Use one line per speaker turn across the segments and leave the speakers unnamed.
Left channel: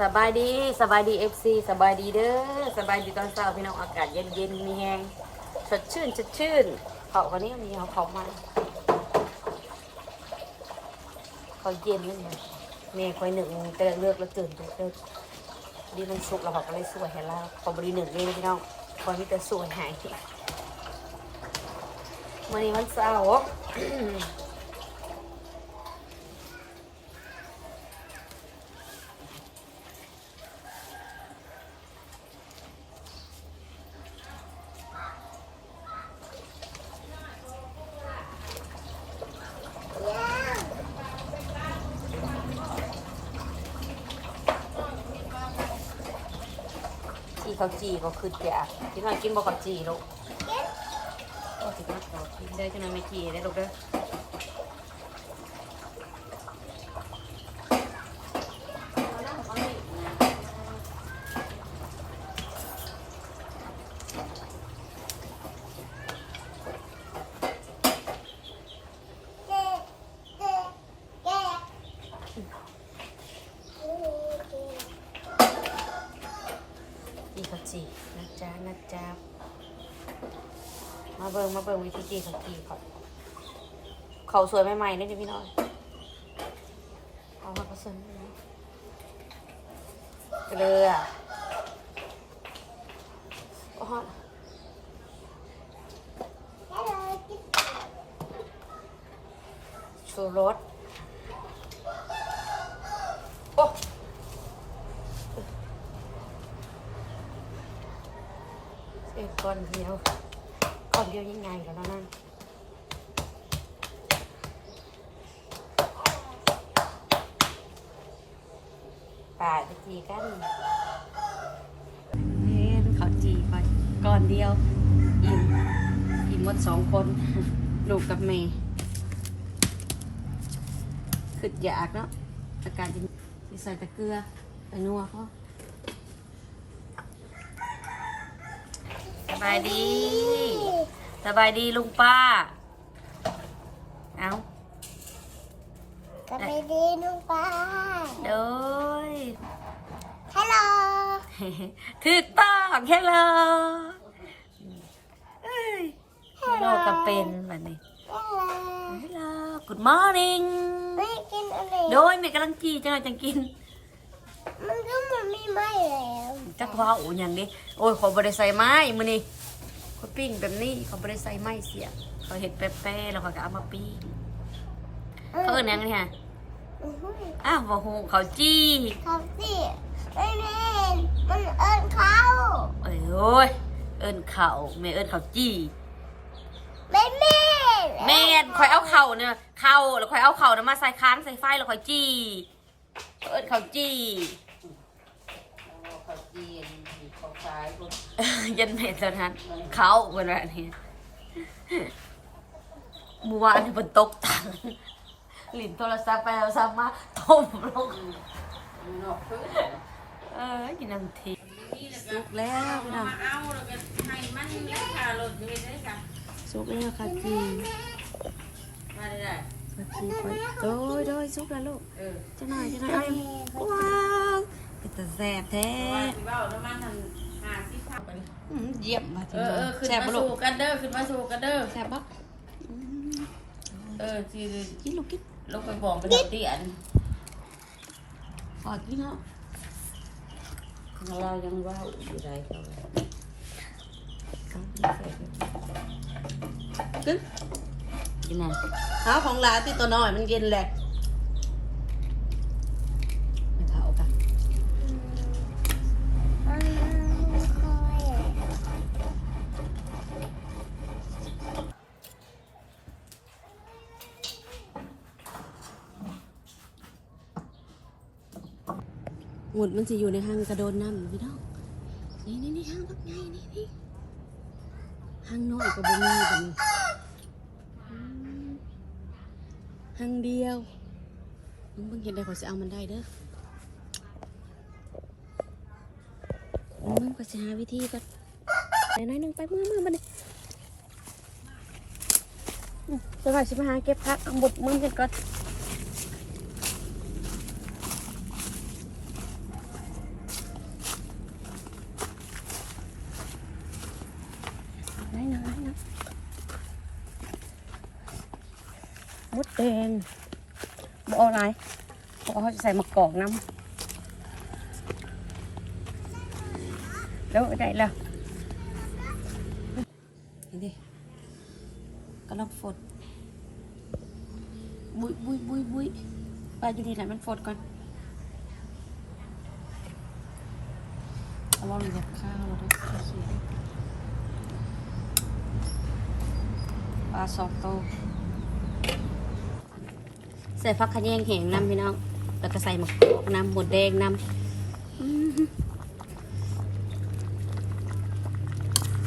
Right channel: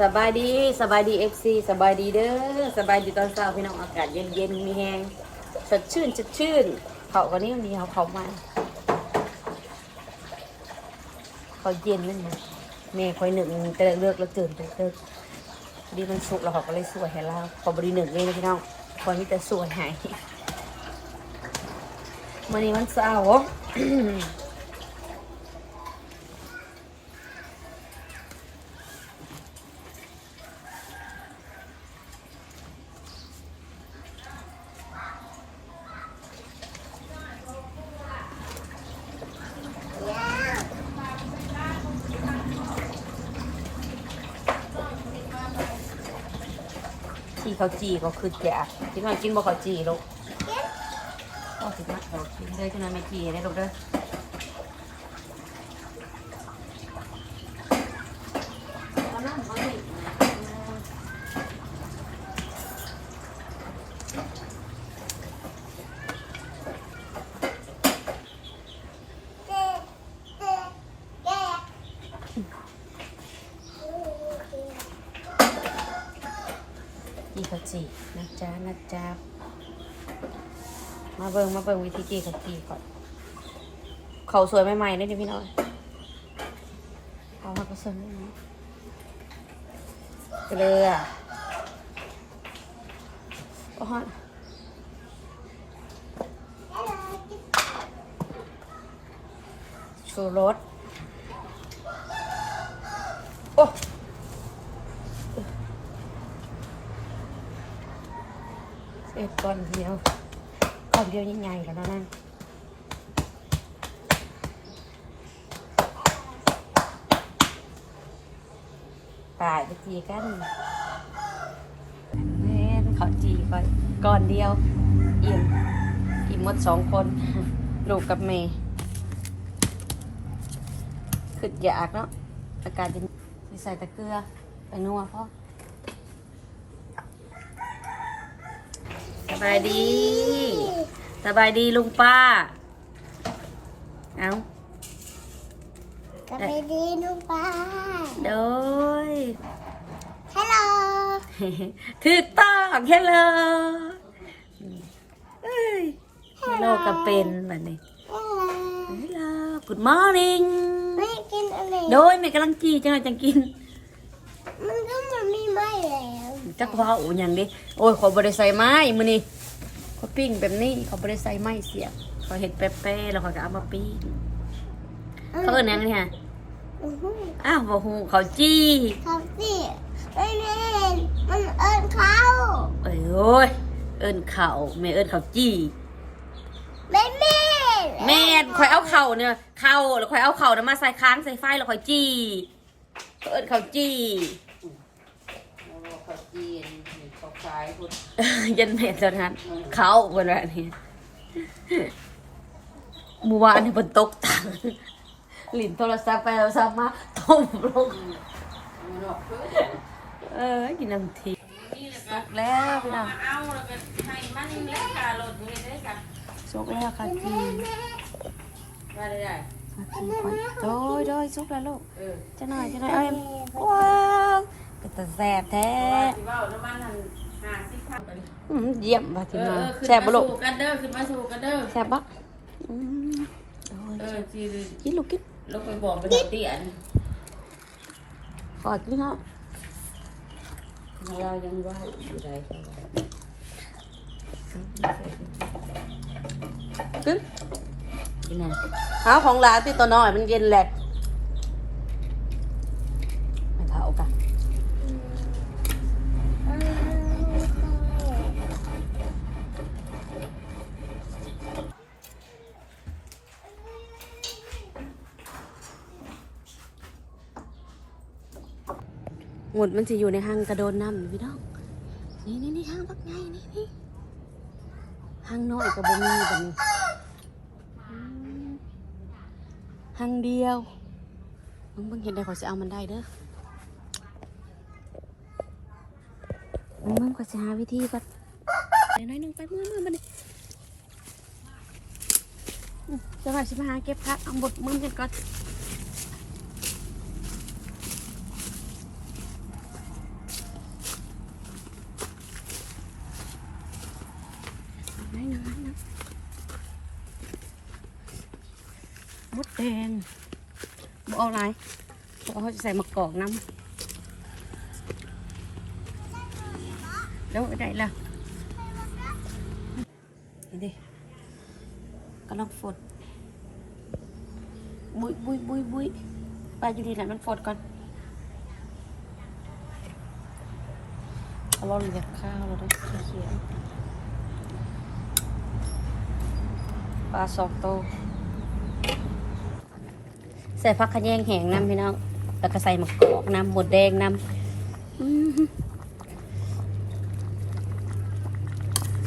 สบายดีสบายดีเอฟซีสบายดีเด้อสบายดีตอนเช้าพี่น้องอากาศเย็นเย็นๆมีแหงสดชื่นสดชื่นเขากันนี้วันนี้เขาเขามาเขาเย็นนั่นไงเมย์คอยหนึ่งแต่เลือกแล้วตื่นเลิกดีมันสุกแล้วเขาก็เลยสวยให้เราขอบริหนึ่งเลยนะพี่น้องคอยมีแต่สวยหายวันนี้มันเสา ที่เขาจีก็คือแจกที่น้อยกินบ่เขาจีลูกก็ถึงนักเรากินได้ขนาดไม่จีได้ลูกเด้อเอาน้ำเอาดิ จีเขาจีนะจ๊ะนะจ๊ะมาเบิงมาเบิงวิธีจีเขาจีก่อนเขาสวยใหม่ๆนี่พี่น้อยเอาหักกระสุนได้ไหมเกลือโอ้ฮะชูรสโอ้ เอ็ดก้อนเดียวก้อนเดียวยังไงกันแล้วนั่นตายไปจีกันเฮ้ยขอจีก่อนก้อนเดียวอิ่มอิ่มหมดสองคนลูกกับเมย์ขึ้นอยากเนาะอาการจะใส่ตะเกียบไปนัวพ่อ บายดี สบายดีลุงป้า เอา
สวัสดีลุงป้า
โดย
ฮัลโหล
ถูกต้องเฮลโลเอ้ยเฮลโลก็เป็นแบบนี้
ฮัลโหล
เฮลโล good morning
ไม่กินอะไร
โดยแม่กำลังจีจังหวะจังกิน
มันก็มันไม่ไหม้แล้ว
จักว่าอูอย่างนี้โอ้ยขอบริใส่ไม้มือนี่เขาปิ้งแบบนี้เขาบริใส่ไม้เสียบเขาเห็ดแป๊ะๆแล้วเขาก็เอามาปิ้งเขาเอิ้นหยังนี่ฮะ
อื้อหือ
อ้าวบ่ฮู้เขาจี้
เขาสิไม่แม่นมันเอิญเขา
เอ้ยโอ้ยเอิ้นเขาแม่เอิ้นเขาจี้
ไม่แม่น
แม่นข่อยเอาเข่าเนี่ยเข่าแล้วข่อยเอาเข่าเนี่ยมาใส่ค้างใส่ไฟแล้วข่อยจี้ เขาเอิ้นเขาจี้
เขาจีนเขาขายคน
ยันแม่ตอนนั้นเขาบนแบบนี้เมื่อวานนี่บนตกตังหลินโทรศัพท์ไปเอาซัพท์มาต้มลง
มันหลอกเพื่อน
เออกินน้ำทีสุกแล้วพี่น้อง
เอาแล้วก็ให้มันเล็กค่ะรถมีได้ค่ะ
สุกแล้วค่ะจี
มาได้ได้
ค่ะจีข่อยโดยโดยสุกแล้วลูก
เออ
จะหน่อยจะหน่อยเอ้ยว้าวเป็ นตาแสบแท้
ว่าสิว่าแล้วมันทางหาสิค่ะ
อืมเยี่ยมมา
เอ
ถึง
อ
มา
เออขึ้น
แสบ
มา
บ่ลูก
สู่กันเด้อขึ้นมาสู่กันเด้อ
แสบปะอืม
เออจี
กินลูกกิน
ลงไปบอกไปบอกเตียน
กอดกินเนาะ
ของเรายังว่าอยู่ไรเขาว่า
กิน
กินนั่น
หาของหลานที่ตัวน้อยมันเย็นแหละไม่เท่ากัน
อืม
หมุดมันจะอยู่ในห้างกระโดนน้ำอยู่พี่น้องนี่นี่นี่ห้างพักไงนี่นี่ห้างน้อยกับบ่มีแบบนี้อืม หางเดียวมึงเพิ่งเห็นได้เขาจะเอามันได้เด้อมึงมึงก็จะหาวิธีแบบไปหน้อยนึงไปมือมือมันนี่อืมจะว่าสิมาหาเก็บพักเอาบดมือกันก่อน แดงบ่เอาอะไรเพราะเขาจะใส่มะกอกน้ำแล้วได้ละนี่ดิกำลังฝดบุยบุยบุยบุยไปอยู่ดีแหละมันฝดก่อนเอาลองแบบข้าวแล้วด้วยเขียวๆปลาสองโตว ใส่ผักขะแยงแห้งน้ำพี่น้องแล้วก็ใส่มะกอกน้ำหมดแดงน้ำ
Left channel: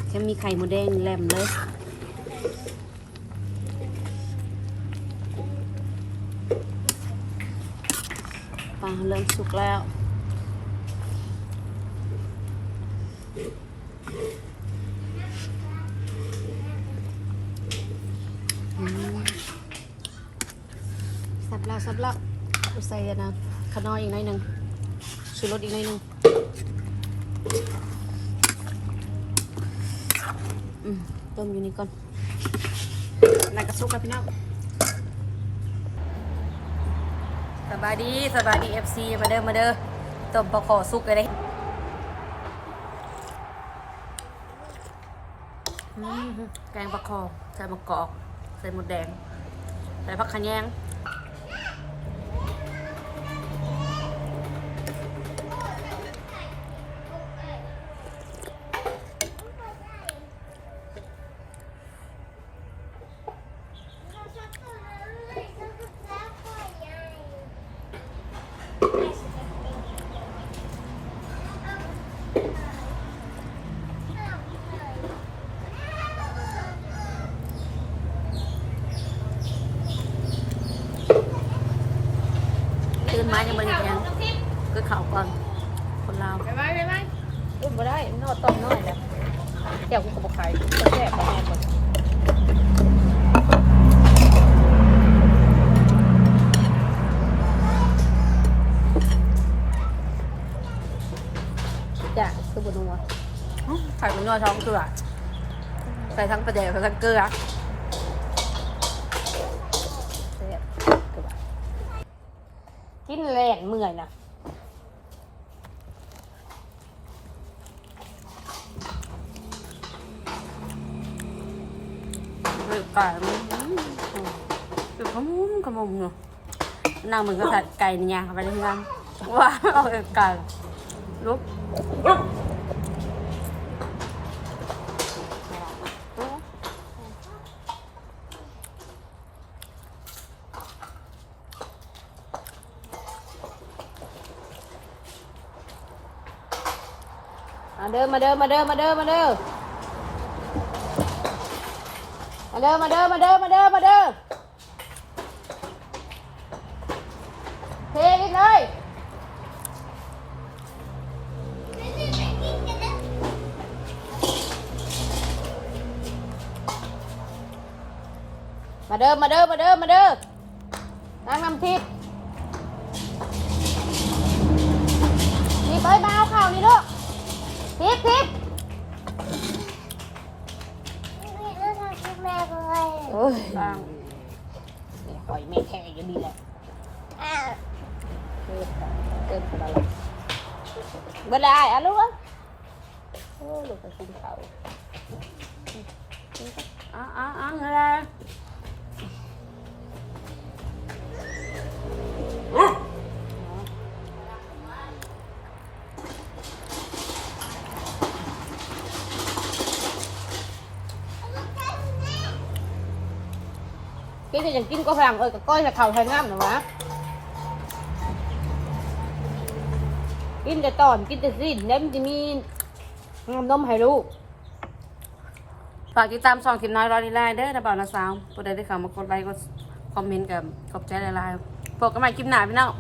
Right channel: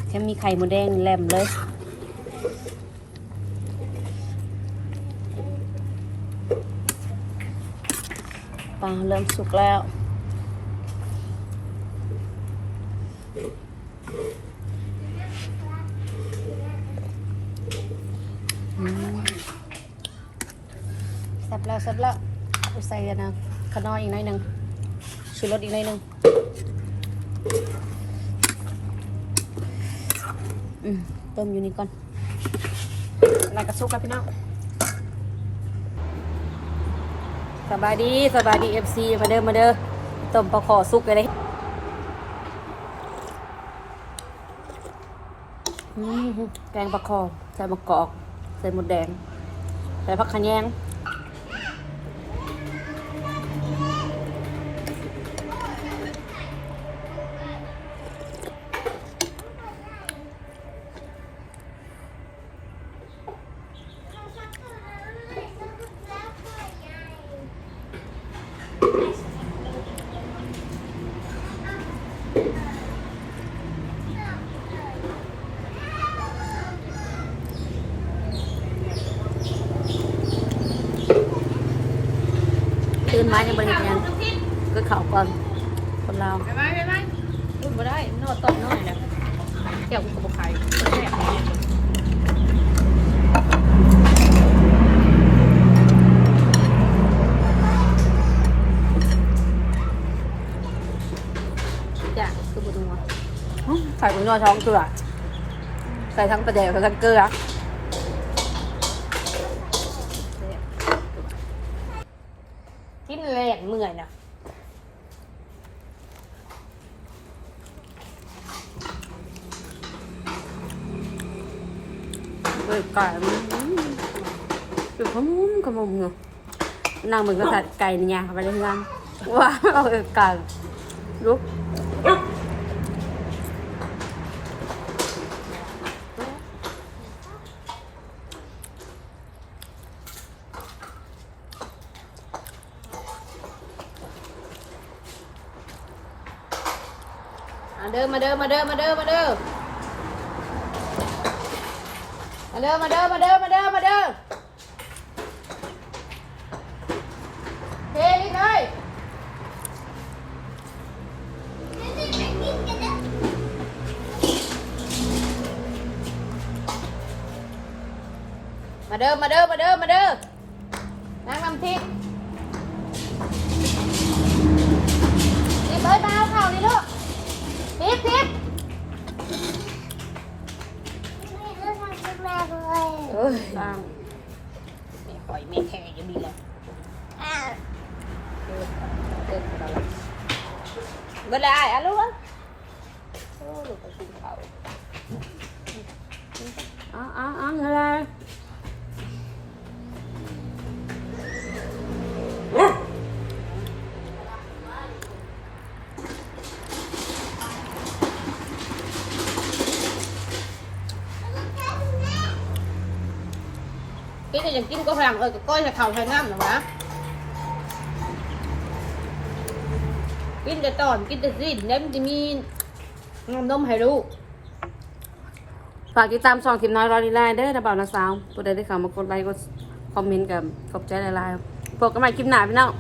แค่มีไข่หมดแดงแหลมเลยปลาเริ่มสุกแล้ว อืมสับ แล้วสับแล้วใส่กันนะขน้อยอีกหน่อยหนึ่งชูรสอีกหน่อยหนึ่งอืมต้มอยู่นี่ก่อนนายกระซุกแล้วพี่น้องสบายดีสบายดีเอฟซีมาเด้อมาเด้อต้มปลาขอซุกเลยแกงปลาคอใส่มะกอก ใส่หมดแดง ใส่ผักขะแยง ตื่นมายังบริการก็เข่าก่อนคนเรา
ไปไหมไปไหมขึ้นมาได้นวดต้มนวดเลยเกี่ยวกับไก่แซ่บจ้ะคือบุญนัว
ใส่เป็นยอท้องเกลือ ใส่ทั้งประเดี๋ยวทั้งเกลือ
กินแรงเมื่อยนะ
เฮ้ยไก่มันอยู่ขมุมขมุมเนาะนางเหมือนกับสัตว์ไก่ในยางไปเลยงานว้าเอาเอกไก่ลุกลุก
เด้อมาเด้อมาเด้อมาเด้อมาเด้อมาเด้อมาเด้อมาเด้อมาเด้อมาเด้อเฮ้ยเลยมาเด้อมาเด้อมาเด้อมาเด้อน้ำน้ำพริกพริก เอ้ย
บ้าง
หอยไม่แข็งก็ดีนะเมื่อไรอะลูกอะ
อ้าวอ้าวอ้าวอะไร
กินจะยังกินก็ฟังเออก็ก้อยจะเข่าไทยงามหนูนะกินแต่ตอนกินแต่สิ้นแล้มันจะมีน้ำนมให้ลูก
ฝากติดตามช่องทิมน้อยรอดีไลน์เด้อนะบ่าวนะสาวผู้ใดได้เข้ามากดไลค์กดคอมเมนต์กับขอบใจหลายๆพบกันใหม่คลิปหน้าพี่น้อง